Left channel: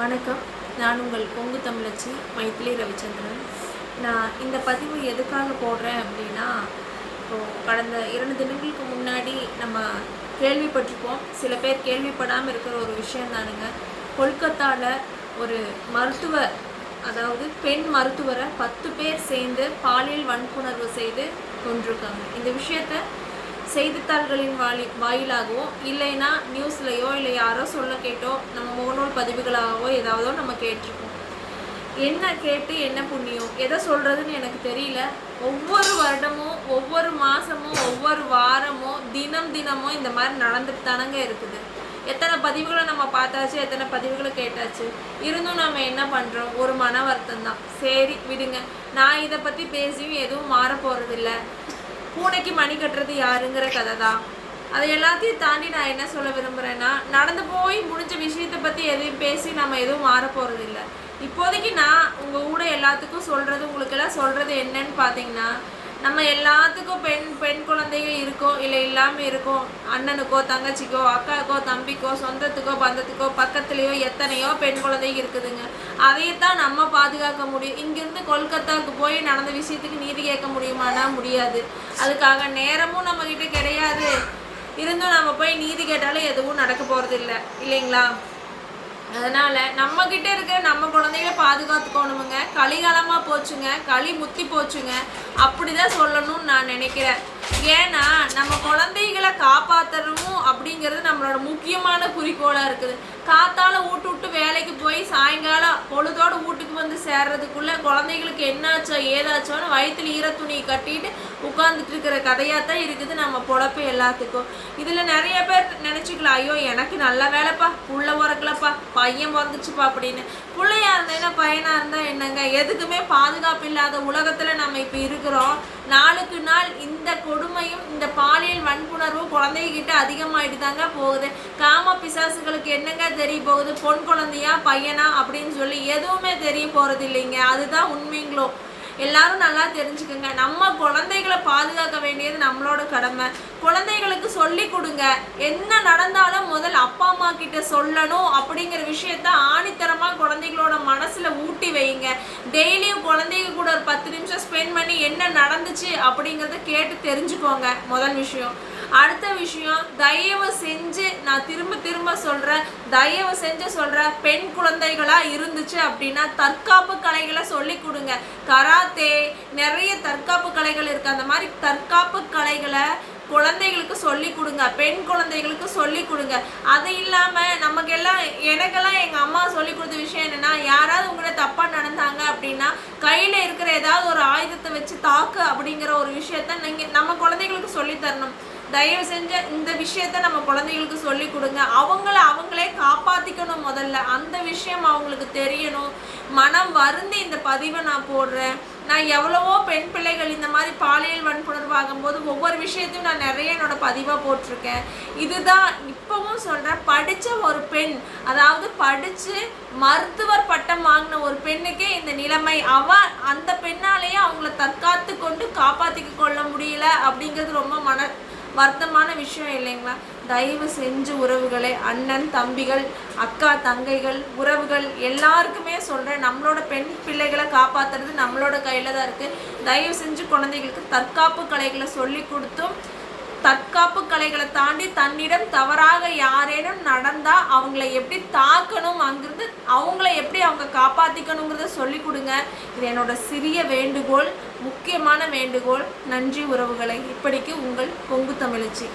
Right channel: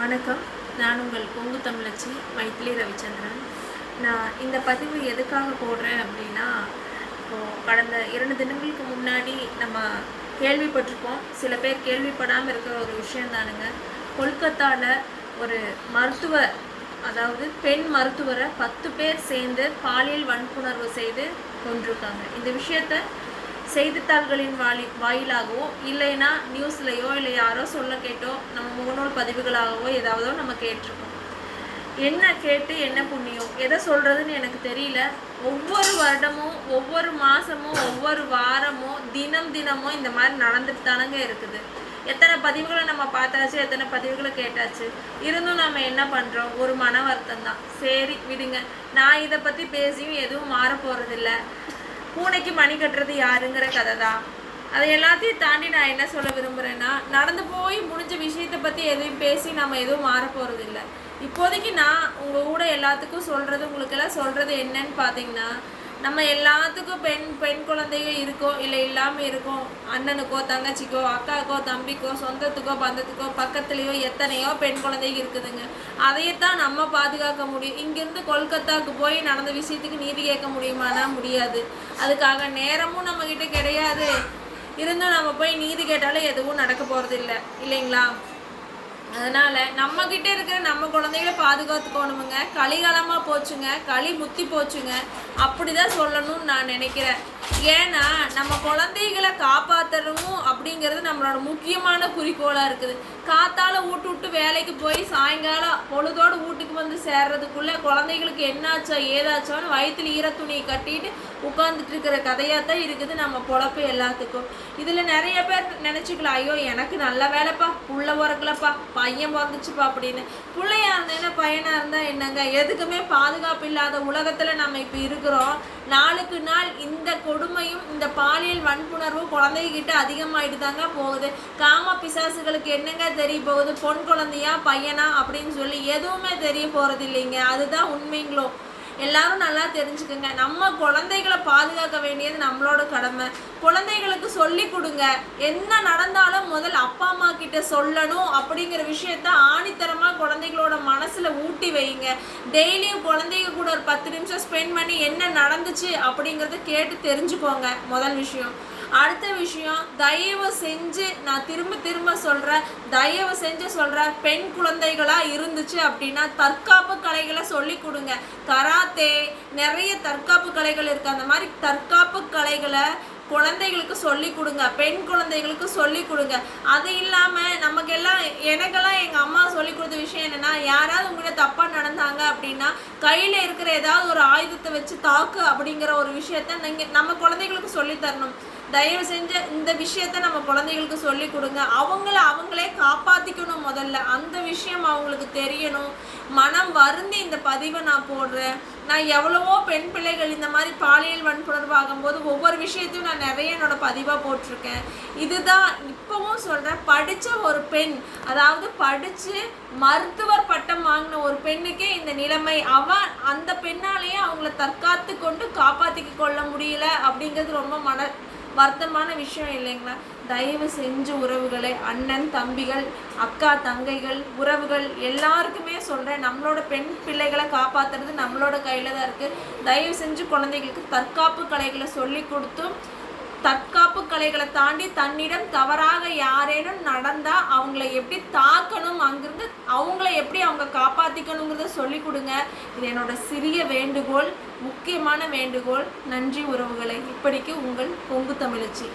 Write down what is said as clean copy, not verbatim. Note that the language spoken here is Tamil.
வணக்கம். நான் உங்கள் பொங்கு தமிழச்சி மைத்திலி ரவிச்சந்திரன். நான் இந்த பதிவு எதுக்காக போடுறேன் அப்படின்னா, கடந்த 2 தினங்களுக்கு முன்னாடி நம்ம கேள்விப்பட்டிருப்போம். சில பேர் கேள்விப்படாமல் இருக்கிற ஒரு விஷயம் தானுங்க. கொல்கத்தாவில் ஒரு மருத்துவர், அதாவது பெண் மருத்துவரை 10 பேர் சேர்ந்து பாலியல் வன்புணர்வு செய்து கொண்டிருக்காங்க. இந்த விஷயத்தை செய்தித்தாள்களின் வாயிலாகவோ இல்லைன்னா நியூஸ்லையோ இல்லை யாரோ சொல்ல கேட்டோ நம்ம முகநூல் பதிவுகளாகவோ ஏதாவதோ நம்ம கேட்டிருக்கோம். என்ன கேட்டு என்ன புண்ணியம், எதை சொல்கிறதுன்னு எனக்கு தெரியல. ஒவ்வொரு வருடமும் ஒவ்வொரு மாதமும் ஒவ்வொரு வாரமும் தினமும் இந்த மாதிரி நடந்துட்டு தானங்க இருக்குது. எத்தனை பதிவுகளை நம்ம பார்த்தாச்சு, எத்தனை பதிவுகளை கேட்டாச்சு. இருந்தும் நம்ம என்ன பண்ணுறோம், ஒரு மன வருத்தம் தான். சரி விடுங்க, நான் இதை பற்றி பேசியும் எதுவும் மாற போகிறதில்ல. பூனைக்கு மணி கட்டுறது யாருங்கிற கதை தான். அதை எல்லாத்தையும் தாண்டி நான் என்ன சொல்ல விரும்புகிறேன்னா, நடந்து போய் முடிஞ்ச விஷயத்தை பற்றி எதுவும் பேசி நம்ம எதுவும் மாற போகிறதில்ல. இப்போதைக்கு நான் உங்கள் கூட எல்லாத்துக்கும் சொல்கிறது, உங்களுக்கெல்லாம் சொல்கிறது என்னன்னு பார்த்தீங்கன்னா, நம்ம எல்லாத்துக்கும் பெண் குழந்தைகள் இருக்கோ இல்லை இல்லாமல் இருக்கோ, அண்ணனுக்கோ தங்கச்சிக்கோ அக்காக்கோ தம்பிக்கோ சொந்தத்துக்கோ பந்தத்துக்கோ பக்கத்துலேயோ எத்தனையோ பெண் குழந்தைகள் இருக்குதுங்க. அதையத்தான் நம்ம பாதுகாக்க முடியும். இங்கேருந்து கொல்கத்தாவுக்கு போய் நடந்த விஷயத்துக்கு நீதி கேட்க முடியுமானா முடியாது. அதுக்காக நேரமும் நம்மக்கிட்ட கிடையாது. இருந்தும் நம்ம போய் நீதி கேட்டாலும் எதுவும் நடக்க போகிறது இல்லை, இல்லைங்களா? அதனால் நம்மக்கிட்ட இருக்கிற நம்ம குழந்தைகளை பாதுகாத்துக்கணுமுங்க. கலிகாலமாக போச்சுங்க, களி முத்தி போச்சுங்க, அப்படி தான் சொல்லணும்னு நான் நினைக்கிறேன். ஏன்னா நம்ம குழந்தைகளை காப்பாற்றணும் அப்படிங்கிறது நம்மளோட முக்கியமான குறிக்கோளாக இருக்குது. காத்தால விட்டு வேலைக்கு போய் சாயங்காலம் பொழுதோடு வீட்டுக்கு வந்து சேர்றதுக்குள்ளே குழந்தைகளுக்கு என்னாச்சோ ஏதாச்சோன்னு வயிற்றுல ஈரத்துணியை கட்டிட்டு உட்காந்துட்டு இருக்கிற கதையாக தான் இருக்குது நம்ம பொழப்பு எல்லாத்துக்கும். இதில் நிறைய பேர் நினச்சிக்கலாம், ஐயோ எனக்கு நல்ல வேலைப்பா, புள்ள பிறக்கலப்பா, பையன் பிறந்துச்சுப்பா அப்படின்னு. பிள்ளையா இருந்தேன்னா பையனாக இருந்தால் என்னங்க, எதுக்குமே பாதுகாப்பு இல்லாத உலகத்தில் நம்ம இப்போ இருக்கிறோம். நாளுக்கு நாள் இந்த கொடுமையும் இந்த பாலியல் வன்புணர்வும் குழந்தைகிட்ட அதிகமாகிட்டு தாங்க போகுது. காம பிசாசுகளுக்கு என்னங்க தெரிய போகுது, பொன் குழந்தையா பையனா அப்படின்னு சொல்லி எதுவுமே தெரிய போகிறது இல்லைங்க. அதுதான் உண்மைங்களோ. எல்லாரும் நல்லா தெரிஞ்சுக்கோங்க, நம்ம குழந்தைகளை பாதுகாக்க வேண்டியது நம்மளோட கடமை. குழந்தைகளுக்கு சொல்லி கொடுங்க, என்ன நடந்தாலும் முதல் அப்பா அம்மா கிட்ட சொல்லணும் அப்படிங்கிற விஷயத்த ஆணித்தரமாக குழந்தைகளோட மனசில் ஊட்டி வைங்க. டெய்லியும் குழந்தைங்க கூட ஒரு 10 நிமிஷம் ஸ்பெண்ட் பண்ணி என்ன நடந்துச்சு அப்படிங்கிறத கேட்டு தெரிஞ்சுக்கோங்க, முதல் விஷயம். அடுத்த விஷயம், தயவு செஞ்சு நான் திரும்ப சொல்கிறேன், தயவு செஞ்சு சொல்கிறேன், பெண் குழந்தைகளாக இருந்துச்சு அப்படின்னா தற்காப்பு கலைகளை சொல்லி கொடுங்க. கராத்தே, நிறைய தற்காப்பு கலைகள் இருக்குது. அந்த மாதிரி தற்காப்பு கலைகளை குழந்தைகளுக்கு சொல்லி கொடுங்க, பெண் குழந்தைகளுக்கு சொல்லி கொடுங்க. அது இல்லாமல் எனக்கெல்லாம் எங்கள் அம்மா சொல்லி கொடுத்த விஷயம் என்னென்னா, யாராவது உங்கள்கிட்ட தப்பாக நடந்தாங்க அப்படின்னா கையில் இருக்கிற ஏதாவது ஒரு ஆயுதத்தை வச்சு தாக்கு அப்படிங்கிற ஒரு விஷயத்த நம்ம குழந்தைகளுக்கு சொல்லி தரணும். தயவு செஞ்ச இந்த விஷயத்த நம்ம குழந்தைகளுக்கு சொல்லி கொடுங்க. அவங்களே காப்பாற்றிக்கணும். முதல்ல அந்த விஷயம் அவங்களுக்கு தெரியணும். மனம் வருந்தி இந்த பதிவை நான் போடுறேன். நான் எவ்வளவோ பெண் பிள்ளைகள் இந்த மாதிரி பாலியல் வன்புணர்வு ஆகும்போது ஒவ்வொரு விஷயத்தையும் நான் நிறைய என்னோட பதிவாக போட்டிருக்கேன். இதுதான் இப்பவும் சொல்கிறேன், படித்த ஒரு பெண், அதாவது படித்து மருத்துவர் பட்டம் வாங்கின ஒரு பெண்ணுக்கே இந்த நிலைமை, அந்த பெண்ணாலேயே அவங்கள தற்காத்து கொண்டு காப்பாற்றிக்க கொள்ள முடியல அப்படிங்கிறது ரொம்ப வருத்தமான விஷயம் இல்லைங்களா? தயவு செஞ்சு உறவுகளை, அண்ணன் தம்பிகள், அக்கா தங்கைகள், உறவுகள் எல்லாருக்குமே சொல்கிறேன், நம்மளோட பெண் பிள்ளைகளை காப்பாற்றுறது நம்மளோட கையில் தான் இருக்குது. தயவு செஞ்சு குழந்தைகளுக்கு தற்காப்பு கலைகளை சொல்லி கொடுத்தும், தற்காப்பு கலைகளை தாண்டி தன்னிடம் தவறாக யாரேனும் நடந்தால் அவங்கள எப்படி தாக்கணும், அங்கிருந்து அவங்கள எப்படி அவங்க காப்பாற்றிக்கணுங்கிறத சொல்லி கொடுங்க. இது என்னோட சிறிய வேண்டுகோள், முக்கியமான வேண்டுகோள். நன்றி உறவுகளை. இப்படிக்கு உங்கள் பொங்கு தமிழச்சி.